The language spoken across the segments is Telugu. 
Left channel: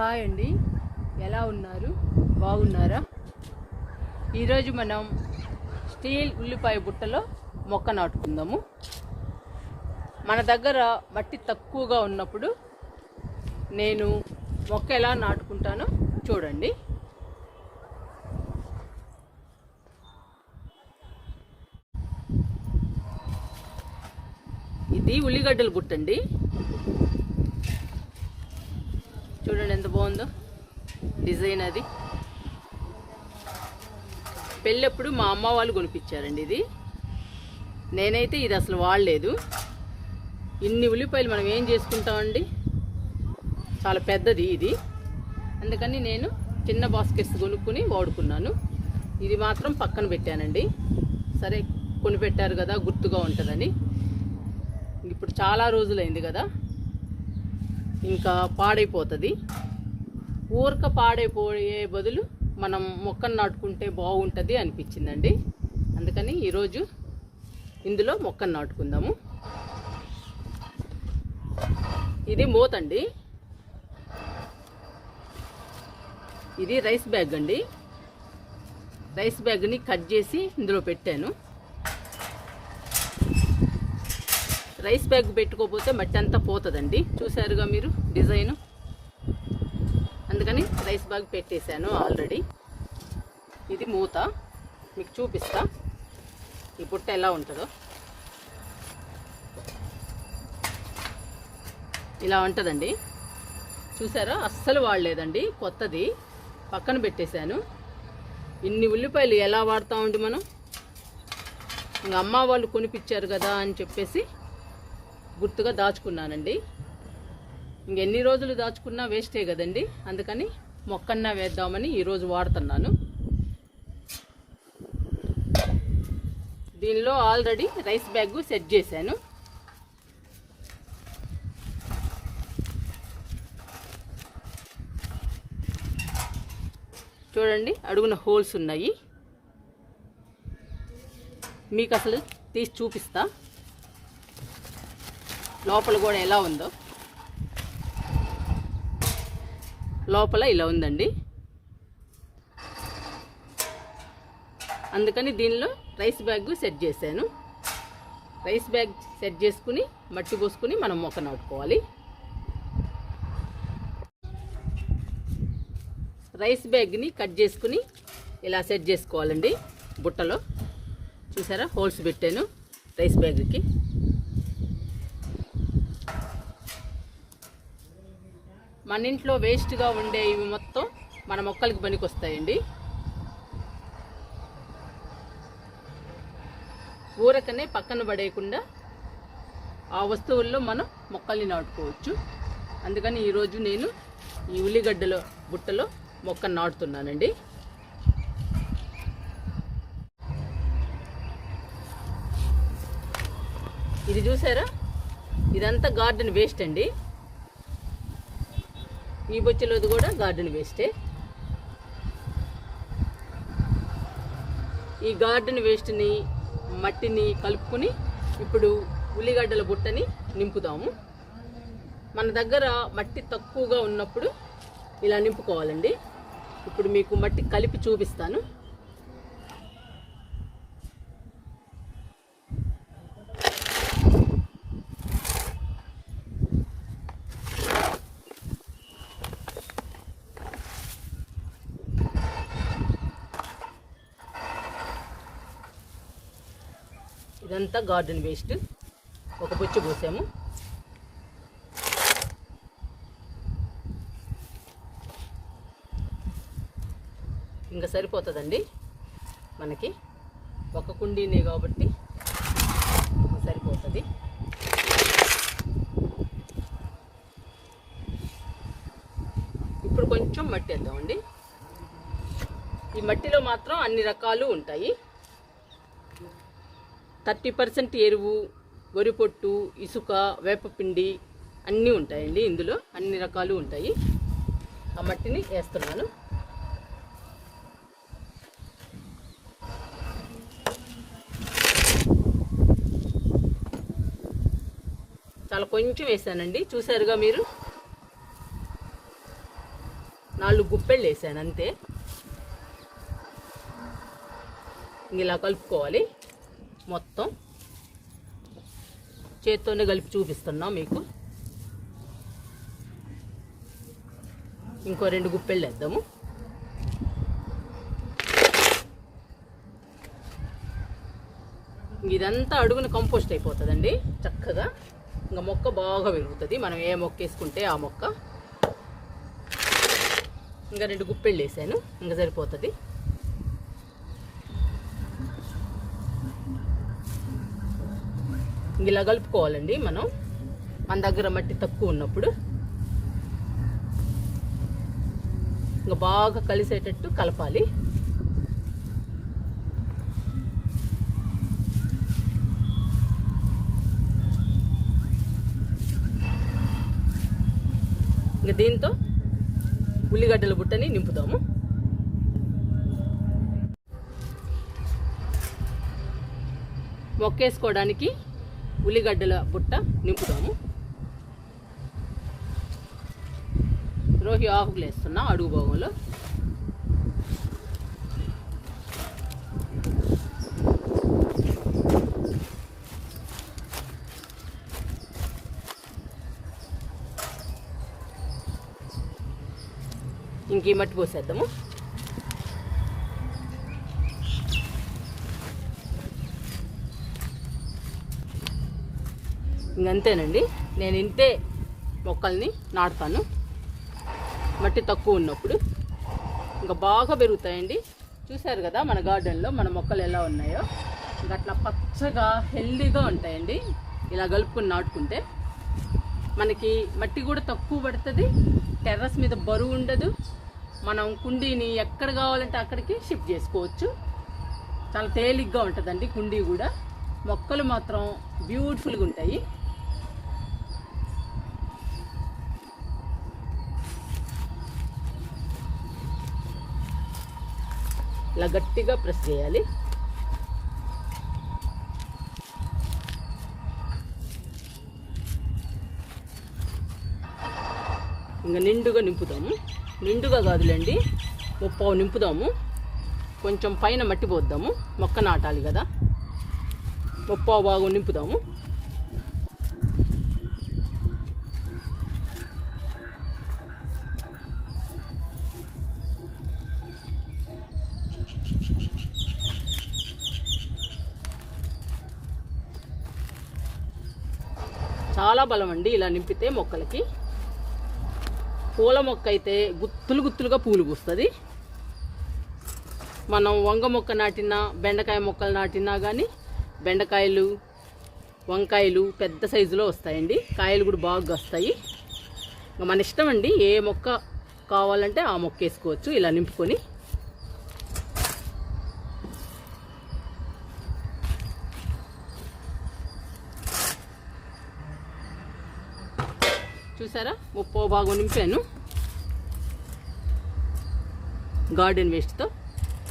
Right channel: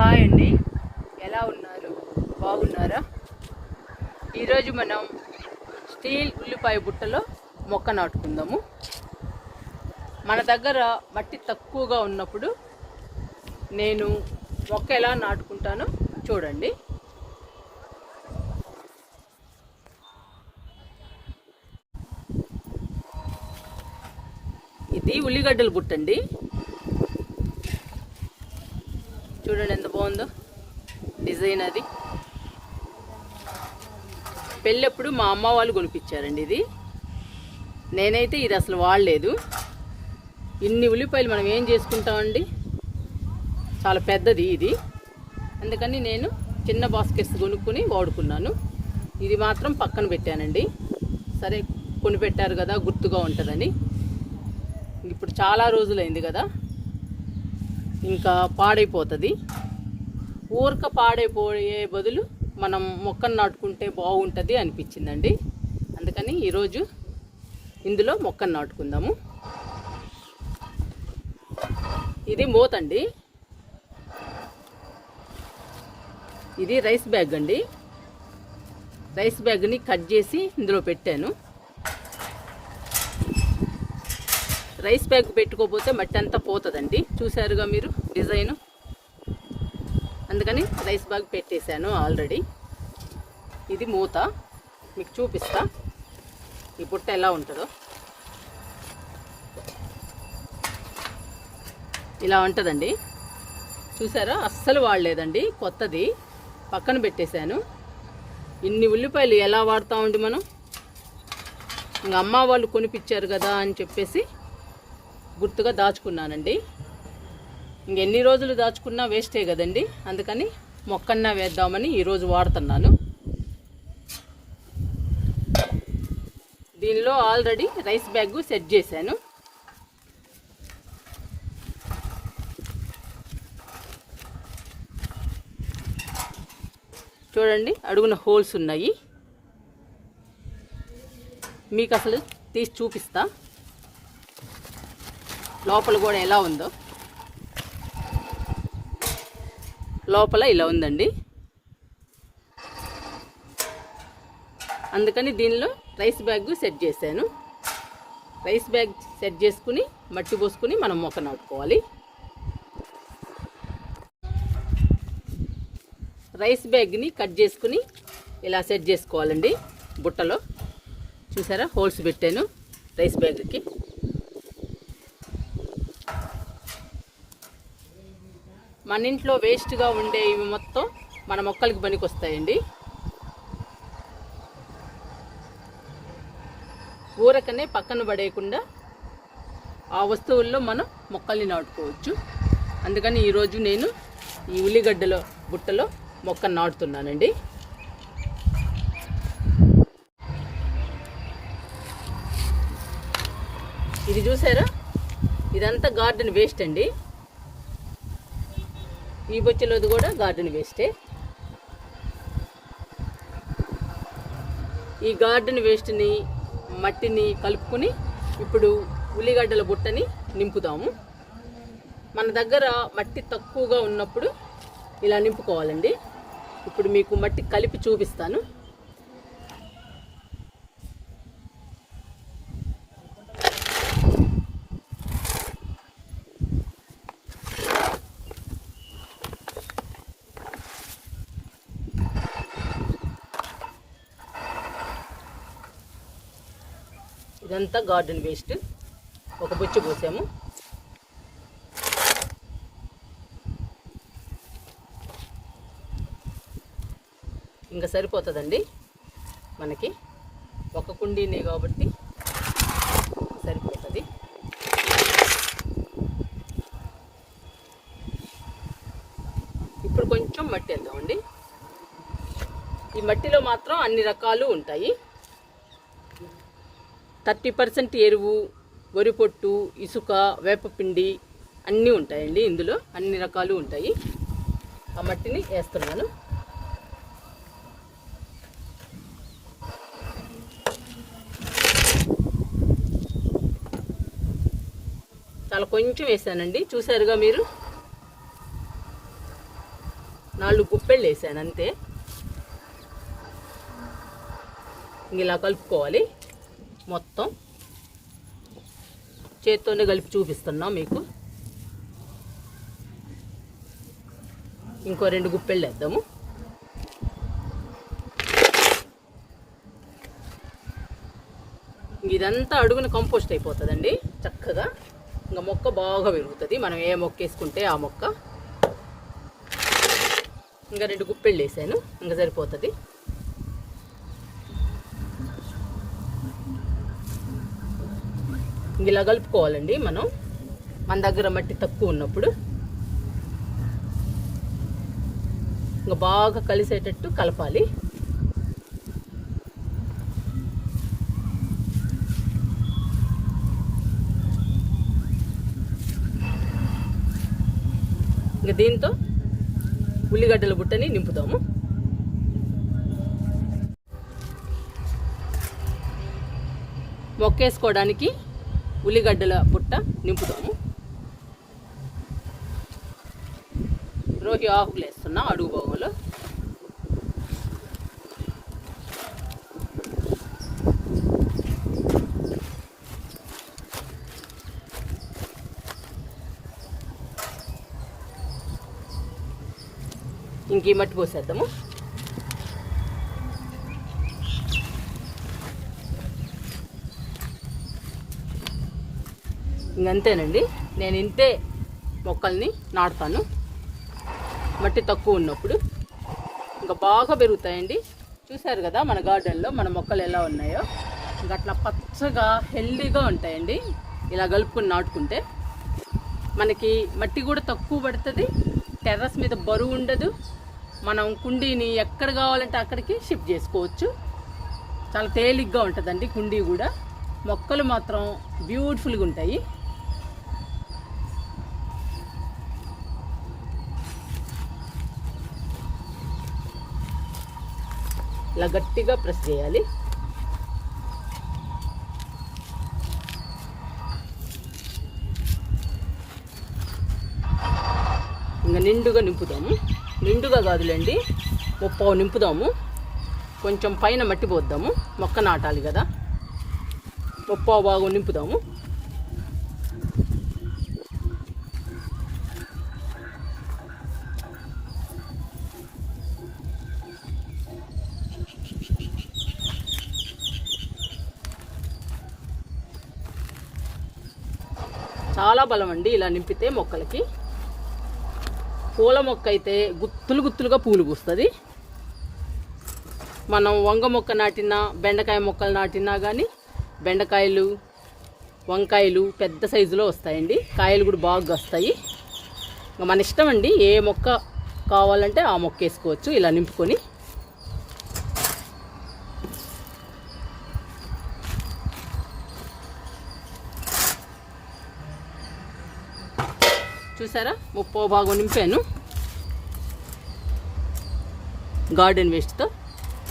హాయ్ అండి. ఎలా ఉన్నారు? బాగున్నారా? ఈరోజు మనం స్టీల్ ఉల్లిపాయ బుట్టలో మొక్క నాటుకుందాము. మన దగ్గర మట్టి తక్కువగా ఉన్నప్పుడు నేను మొక్క ఎలా నాటుకుంటానో చూడండి. ఇది ఉల్లిగడ్డల బుట్ట అండి చూడండి ఎంత బాగుందో డిజైన్ అది. పెళ్ళప్పుడు మా అమ్మ వాళ్ళు కొనిపించారండి ఇది. నేనైతే ఇది అసలు వాడలేదు. ఇన్ని ఉల్లిపాయలు మనం ఏం చేసుకుంటామండి? చాలా పెద్దది ఇది. అందుకని నేను చిన్న బాస్కెట్స్ కొనుక్కొని వాడుకున్నాను. ఇది మాత్రం పక్కన పెట్టానండి. సరే కొనిపెట్టారు కదా గుర్తుగా ఉంటుందని. ఇప్పుడు చాలా రోజులైంది కదా. ఇంకా పాడైపోతుంది. ఊరక పాడైపోయే బదులు మనం మొక్కను నాటుకుంటే బాగుంటుంది అనిపించిందండి. అందుకని ఈరోజు ఇందులో మొక్కను నాటుకుందాము. ఇది మూతండి ఇది రైస్ బ్యాగ్ అండి. రైస్ బ్యాగ్ని కట్ చేసి ఇందులో పెట్టాను. రైస్ బ్యాగ్ పెట్టుకోకపోతే మట్టి అంతా పోతుందండి. చూసారుగా మీరు డిజైన్? అందుకని రైస్ బ్యాగ్ పెట్టేశాను ఆల్రెడీ. ఇది మూత. మీకు చూపిస్తా. ఈ బుట్ట ఎలా ఉంటుందో. ఇలా ఉంటుందండి. చూసారా అస్సలు వాడలేదండి. కొత్తది. పక్కన పెట్టేశాను. ఇన్ని ఉల్లిపాయలు ఎలా వాడతామండి మనం? ఇంకా అమ్మ వాళ్ళు కొనిపించారు కదా అని చెప్పేసి గుర్తుగా దాచుకున్నానండి. ఇంకెన్ని రోజులు దాచుకున్నా వేస్టే కదండి. అందుకని మొక్కన్నా వేద్దామని ఈరోజు వాడుతున్నాను. దీనిలో ఆల్రెడీ రైస్ బ్యాగ్ సెట్ చేశాను. చూడండి అడుగున హోల్స్ ఉన్నాయి. మీకు అసలు తీసి చూపిస్తా. లోపల కూడా ఎలా ఉందో. లోపల ఇలా ఉందండి. అందుకని దీనిలో రైస్ బ్యాగ్ సెట్ చేశాను. రైస్ బ్యాగ్ సెట్ చేసుకుని మట్టి పోసుకుని మనం మొక్క నవ్వుకోవాలి రైస్ బ్యాగ్ని కట్ చేసుకుని ఇలా సెట్ చేసుకోవాలండి బుట్టలో. చూసారా? హోల్స్ పెట్టాను రైస్ బ్యాగ్కి. మన ఇంట్లో వేస్ట్గా ఉండే ఇవి మొత్తం మన మొక్కలకి పనికి వస్తాయండి ఊరకనే పక్కన పడేయకుండా ఆ వస్తువుల్లో మనం మొక్కల్ని నాటుకోవచ్చు. అందుకని ఈరోజు నేను ఈ ఉల్లిగడ్డలో బుట్టలో మొక్కను నాటుతున్నానండి. ఇది చూసారా? ఇదంతా గార్డెన్ వేస్ట్ అండి. ఈ బొచ్చులోది కూడా గార్డెన్ వేస్టే ఈ గార్డెన్ వేస్ట్ని మట్టిని కలుపుకొని ఇప్పుడు ఉల్లిగడ్డల బుట్టని నింపుదాము మన దగ్గర మట్టి తక్కువగా ఉన్నప్పుడు ఇలా నింపుకోవాలండి. ఇప్పుడు మీకు మట్టి కలిపి చూపిస్తాను. ఇదంతా గార్డెన్ వేస్ట్. ఒక బొచ్చు పోసాము. ఇంకా సరిపోతుందండి మనకి. ఒక కుండీనే కాబట్టి సరిపోతుంది. ఇప్పుడు కొంచెం మట్టి వేద్దామండి. ఈ మట్టిలో మాత్రం అన్ని రకాలు ఉంటాయి. థర్టీ పర్సెంట్ ఎరువు వరి పొట్టు ఇసుక వేపపిండి అన్నీ ఉంటాయండి ఇందులో. అన్ని రకాలు ఉంటాయి. ఆ మట్టిని వేస్తున్నాను. చాలా కొంచెం వేసానండి. చూసారుగా మీరు? నాలుగు గుప్పెళ్ళు వేసాను అంతే. ఇలా కలుపుకోవాలి. మొత్తం చేత్తోనే కలిపి చూపిస్తున్నా మీకు. ఇంకో రెండు గుప్పెళ్ళు వేద్దాము. ఇదంతా అడుగున కంపోస్ట్ అయిపోతుందండి చక్కగా. ఇంకా మొక్క బాగా పెరుగుతుంది. మనం ఏ మొక్క వేసుకుంటే ఆ మొక్క. ఇంకా రెండు గుప్పెళ్ళు వేసాను ఇంకా సరిపోతుంది. ఇలా కలుపుకోవాలండి మనం. మన దగ్గర మట్టి తక్కువ ఉన్నప్పుడు. ఇంకా బాగా కలిసేటట్టు కలపాలి. ఇంకా దీంతో ఉల్లిగడ్డల బుట్టని నింపుతాము మొక్కేసుకోవడానికి ఉల్లిగడ్డల బుట్ట నింపుతాము. రోహి ఆకులు వేస్తున్నా అడుగు బాగులు ఇంక ఈ మట్టి పోసేద్దాము. ఇంకంతేనండి నేను ఇంతే మొక్కల్ని నాటుతాను. మట్టి తక్కువ ఉన్నప్పుడు. ఇంకా బాగా పెరుగుతాయండి. చూశారు కదా మన గార్డెన్లో మన మొక్కలు ఎలా ఉన్నాయో. ఇంకా అట్లా పచ్చగా హెల్దీగా ఉంటాయండి. ఇలా కలుపుకుని నాటుకుంటే. మనకి మట్టి కూడా తక్కువ పడుతుంది. టెర్రస్ మీద బరువు ఉండదు. మనం కుండీని ఎక్కడ కావాలంటే అక్కడికి షిఫ్ట్ చేసుకోవచ్చు. చాలా తేలిగ్గా ఉంటుందండి కుండీ కూడా. మొక్కలు మాత్రం బ్యూటిఫుల్గా ఉంటాయి. ఇలా గట్టిగా ప్రెస్ చేయాలి. ఇంకా నిండుగా నింపుదాము. నిండుగా కాదులేండి ముప్పావు నింపుదాము. కొంచెం పైన మట్టి పోద్దాము. మొక్క నాటాలి కదా. ముప్పావు భాగం నింపుదాము. చాలా బలం అండి ఇలా నింపితే మొక్కలకి. పూల మొక్క అయితే గుత్తులు గుత్తులుగా పూలు పూస్తుంది. మనం వంగ మొక్క నాటినా బెండకాయ మొక్కలు నాటినా కానీ బెండకాయలు వంకాయలు పెద్ద సైజులో వస్తాయండి. కాయలు కూడా బాగా వస్తాయి మన ఇష్టం అండి ఏ మొక్క కావాలంటే ఆ మొక్క వేసుకోవచ్చు. ఇలా నింపుకొని చూసారా? ముప్పో భాగం నింపాను. గార్డెన్ వేస్ట్తో.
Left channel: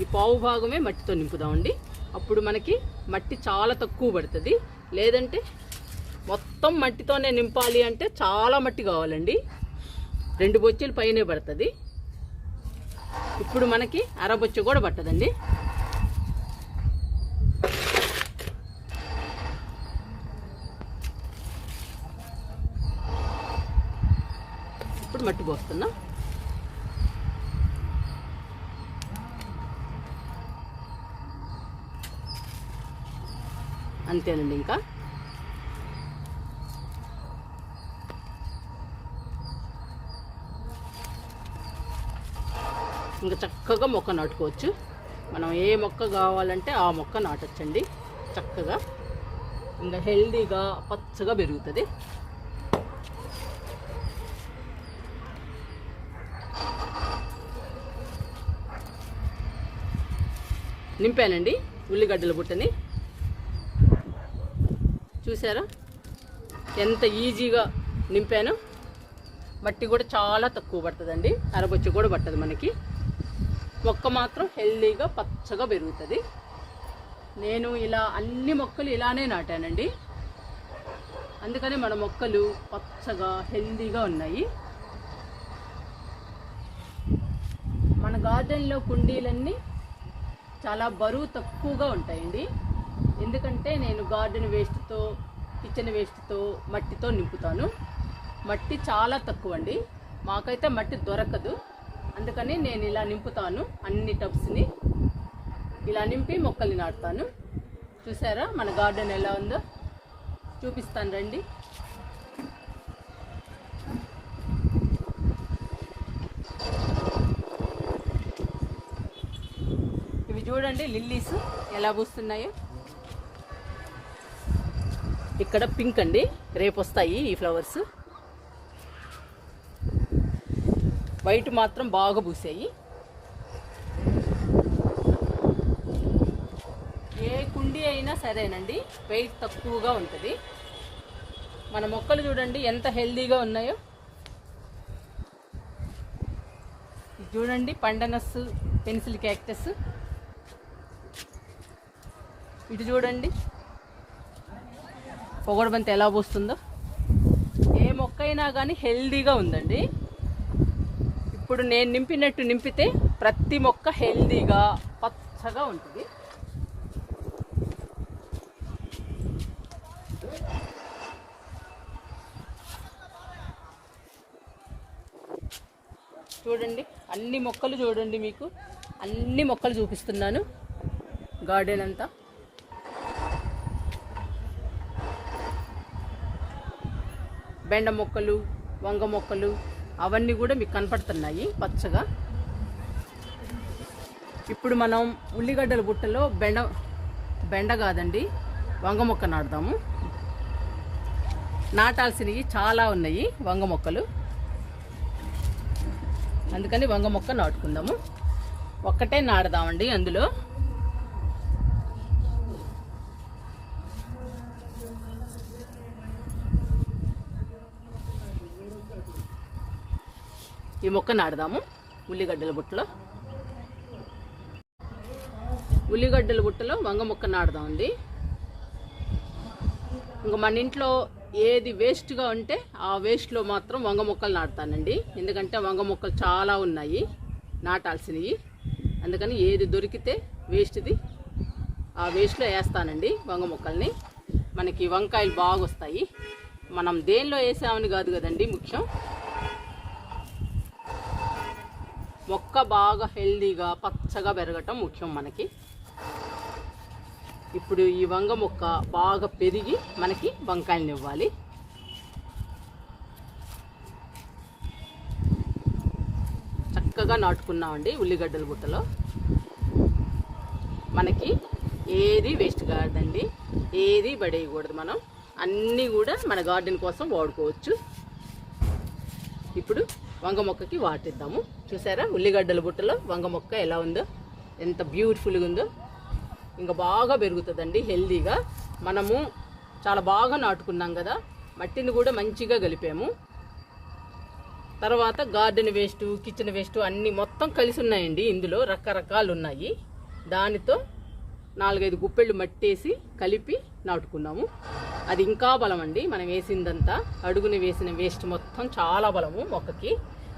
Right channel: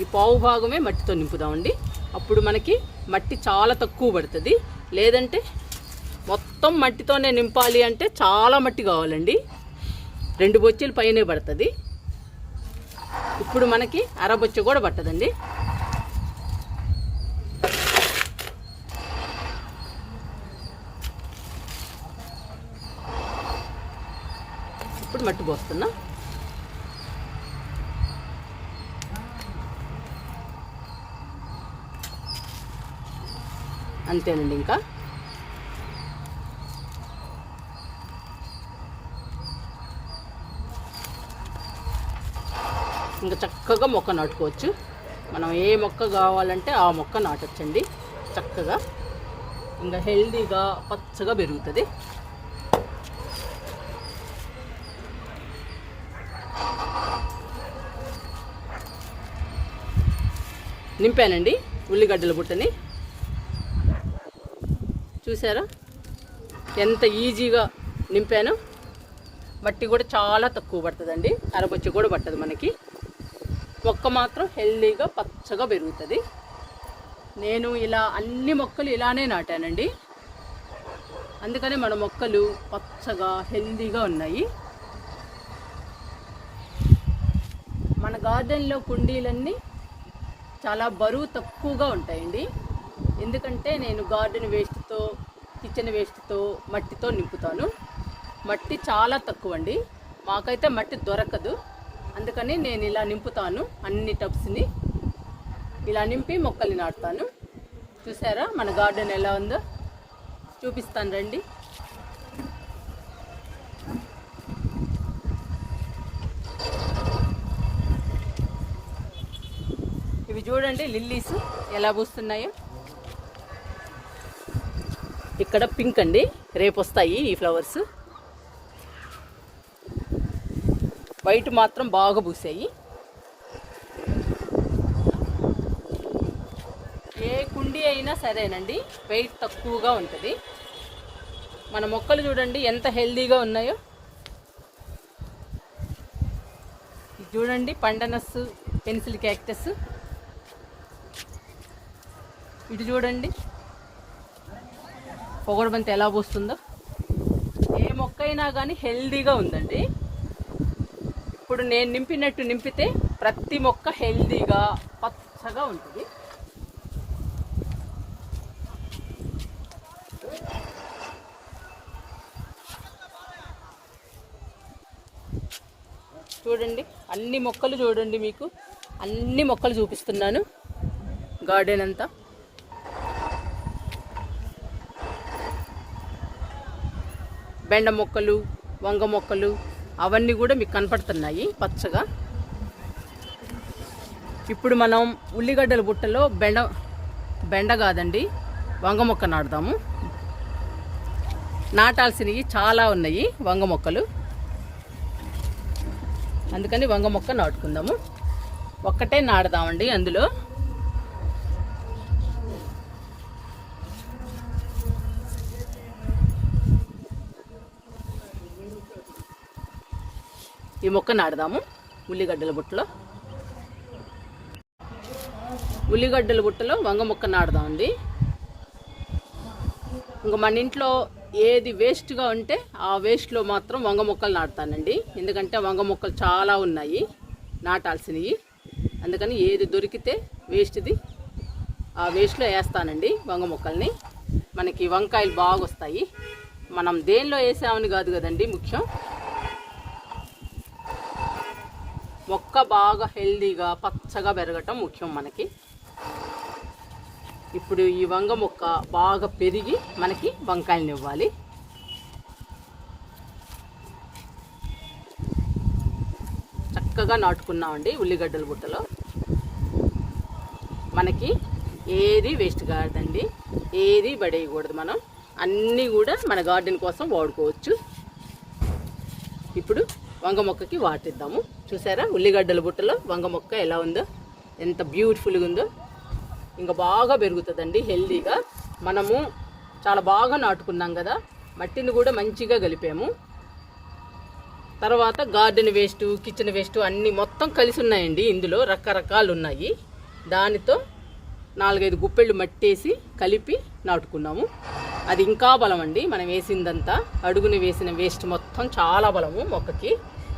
ఈ పావు భాగమే మట్టితో నింపుదామండి. అప్పుడు మనకి మట్టి చాలా తక్కువ పడుతుంది. లేదంటే మొత్తం మట్టితోనే నింపాలి అంటే చాలా మట్టి కావాలండి. రెండు బొచ్చెలు పైనే పడుతుంది. ఇప్పుడు మనకి అరబొచ్చ కూడా పట్టదండి. ఇప్పుడు మట్టి పోస్తున్నా. అంతేనండి ఇంకా. ఇంకా చక్కగా మొక్క నాటుకోవచ్చు. మనం ఏ మొక్క కావాలంటే ఆ మొక్క నాటచ్చండి. చక్కగా. ఇంకా హెల్దీగా పచ్చగా పెరుగుతుంది. నింపానండి ఉల్లిగడ్డల బుట్టని. చూసారా? ఎంత ఈజీగా నింపాను. మట్టి కూడా చాలా తక్కువ పడుతుందండి. అరబొచ్చి కూడా పట్టదు మనకి. మొక్క మాత్రం హెల్దీగా పచ్చగా పెరుగుతుంది. నేను ఇలా అన్ని మొక్కలు ఇలానే నాటానండి. అందుకనే మన మొక్కలు పచ్చగా హెల్దీగా ఉన్నాయి. మన గార్డెన్లో కుండీలన్నీ చాలా బరువు తక్కువగా ఉంటాయండి. ఎందుకంటే నేను గార్డెన్ వేస్ట్తో కిచెన్ వేస్ట్తో మట్టితో నింపుతాను. మట్టి చాలా తక్కువ అండి మాకైతే మట్టి దొరకదు. అందుకని నేను ఇలా నింపుతాను అన్ని టబ్స్ని. ఇలా నింపి మొక్కల్ని నాటుతాను. చూసారా? మన గార్డెన్ ఎలా ఉందో? చూపిస్తాను రండి ఇవి చూడండి లిల్లీస్ ఎలా పూస్తున్నాయో. ఇక్కడ పింక్ అండి రేపు వస్తాయి ఈ ఫ్లవర్స్. వైట్ మాత్రం బాగా పూసాయి. ఏ కుండీ అయినా సరేనండి వెయిట్ తక్కువగా ఉంటుంది. మన మొక్కలు చూడండి ఎంత హెల్దీగా ఉన్నాయో. చూడండి పండనస్ పెన్సిల్ క్యాక్టస్. ఇటు చూడండి. పొగడబంతి ఎలా పూస్తుందో. ఏ మొక్క అయినా కానీ హెల్దీగా ఉందండి. ఇప్పుడు నేను నింపినట్టు నింపితే ప్రతి మొక్క హెల్దీగా పచ్చగా ఉంటుంది. చూడండి అన్ని మొక్కలు చూడండి మీకు. అన్ని మొక్కలు చూపిస్తున్నాను. గార్డెన్ అంతా. బెండ మొక్కలు వంగ మొక్కలు అవన్నీ కూడా మీకు కనపడుతున్నాయి పచ్చగా. ఇప్పుడు మనం ఉల్లిగడ్డల బుట్టలో బెండ బెండ కాదండి వంగ మొక్క నాటుదాము. నాటాల్సినవి చాలా ఉన్నాయి వంగ మొక్కలు. అందుకని వంగ మొక్క నాటుకుందాము. ఒక్కటే నాటుదామండి అందులో. ఈ మొక్క నాటుదాము. ఉల్లిగడ్డల బుట్టలో. ఉల్లిగడ్డల బుట్టలో వంగ మొక్క నాటుదామండి ఇంకా మన ఇంట్లో ఏది వేస్ట్గా ఉంటే ఆ వేస్ట్లో మాత్రం వంగ మొక్కలు నాటుతానండి. ఎందుకంటే వంగ మొక్కలు చాలా ఉన్నాయి. నాటాల్సినవి. అందుకని ఏది దొరికితే వేస్ట్ది ఆ వేస్ట్లో వేస్తానండి వంగ మొక్కల్ని. మనకి వంకాయలు బాగా వస్తాయి మనం దేనిలో వేసామని కాదు కదండి ముఖ్యం. మొక్క బాగా హెల్దీగా పచ్చగా పెరగటం ముఖ్యం మనకి. ఇప్పుడు ఈ వంగ మొక్క బాగా పెరిగి మనకి వంకాయలను ఇవ్వాలి చక్కగా నాటుకున్నామండి ఉల్లిగడ్డల బుట్టలో. మనకి ఏది వేస్ట్ కాదండి ఏది పడేయకూడదు మనం. అన్నీ కూడా మన గార్డెన్ కోసం వాడుకోవచ్చు. ఇప్పుడు వంగ మొక్కకి వాటిద్దాము. చూసారా? ఉల్లిగడ్డల బుట్టలో వంగ మొక్క ఎలా ఉందో? ఎంత బ్యూటిఫుల్గా ఉందో. ఇంకా బాగా పెరుగుతుందండి హెల్దీగా. మనము చాలా బాగా నాటుకున్నాం కదా మట్టిని కూడా మంచిగా కలిపాము. తర్వాత గార్డెన్ వేస్ట్ కిచెన్ వేస్ట్ అన్నీ మొత్తం కలిసి ఉన్నాయండి ఇందులో రకరకాలు ఉన్నాయి. దానితో నాలుగైదు గుప్పెళ్ళు మట్టేసి కలిపి నాటుకున్నాము. అది ఇంకా బలం అండి మనం వేసిందంతా అడుగుని వేసిన వేస్ట్ మొత్తం చాలా బలము మొక్కకి.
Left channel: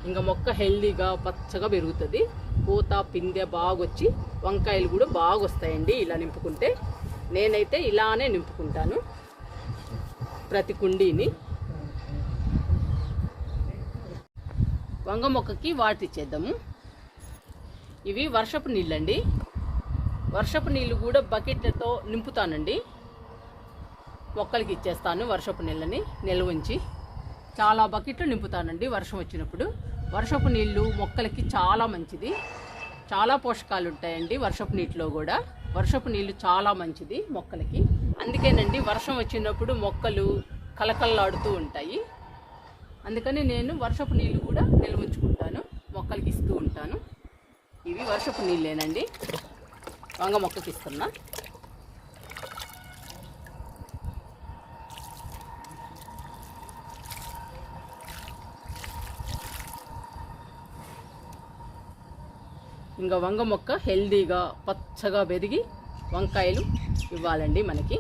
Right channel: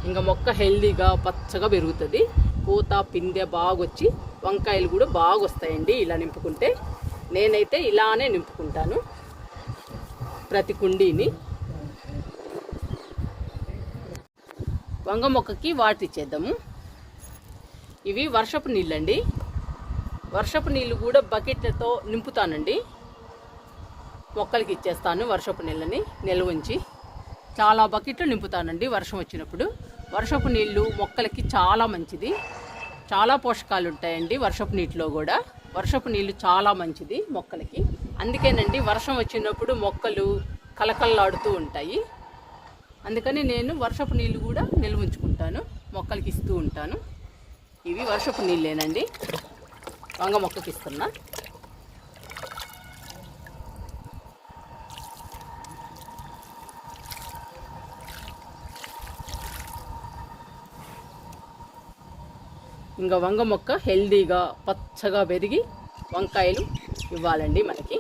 ఇంకా మొక్క హెల్దీగా పచ్చగా పెరుగుతుంది. పూత పిందె బాగా వచ్చి వంకాయలు కూడా బాగా వస్తాయండి ఇలా నింపుకుంటే. నేనైతే ఇలానే నింపుకుంటాను ప్రతి కుండీని. వంగ మొక్కకి వాటర్ ఇచ్చేద్దాము. ఇవి వర్షపు నీళ్ళండి. వర్షపు నీళ్ళు కూడా బకెట్లతో నింపుతానండి. మొక్కలకి ఇచ్చేస్తాను వర్షపు నీళ్ళని నిల్వ ఉంచి. చాలా బకెట్లు నింపుతానండి వర్షం వచ్చినప్పుడు. వర్షపు నీళ్ళు మొక్కలకి చాలా మంచిది. చాలా పోషకాలు ఉంటాయండి వర్షపు నీటిలో కూడా. వర్షపు నీళ్ళు చాలా మంచిది మొక్కలకి. అందుకేనండి వర్షం వచ్చినప్పుడు మొక్కలు కలకల్లాడుతూ ఉంటాయి. అందుకని నేను వర్షపు నీళ్ళు కూడా నిల్వ ఉంచుకుంటాను. మొక్కలకి ఇస్తూ ఉంటాను. ఇవి వర్షపు నీళ్ళేనండి. వంగ మొక్కకి ఇస్తున్నా. ఇంకా వంగ మొక్క హెల్దీగా పచ్చగా పెరిగి వంకాయలు ఇవ్వాలండి మనకి.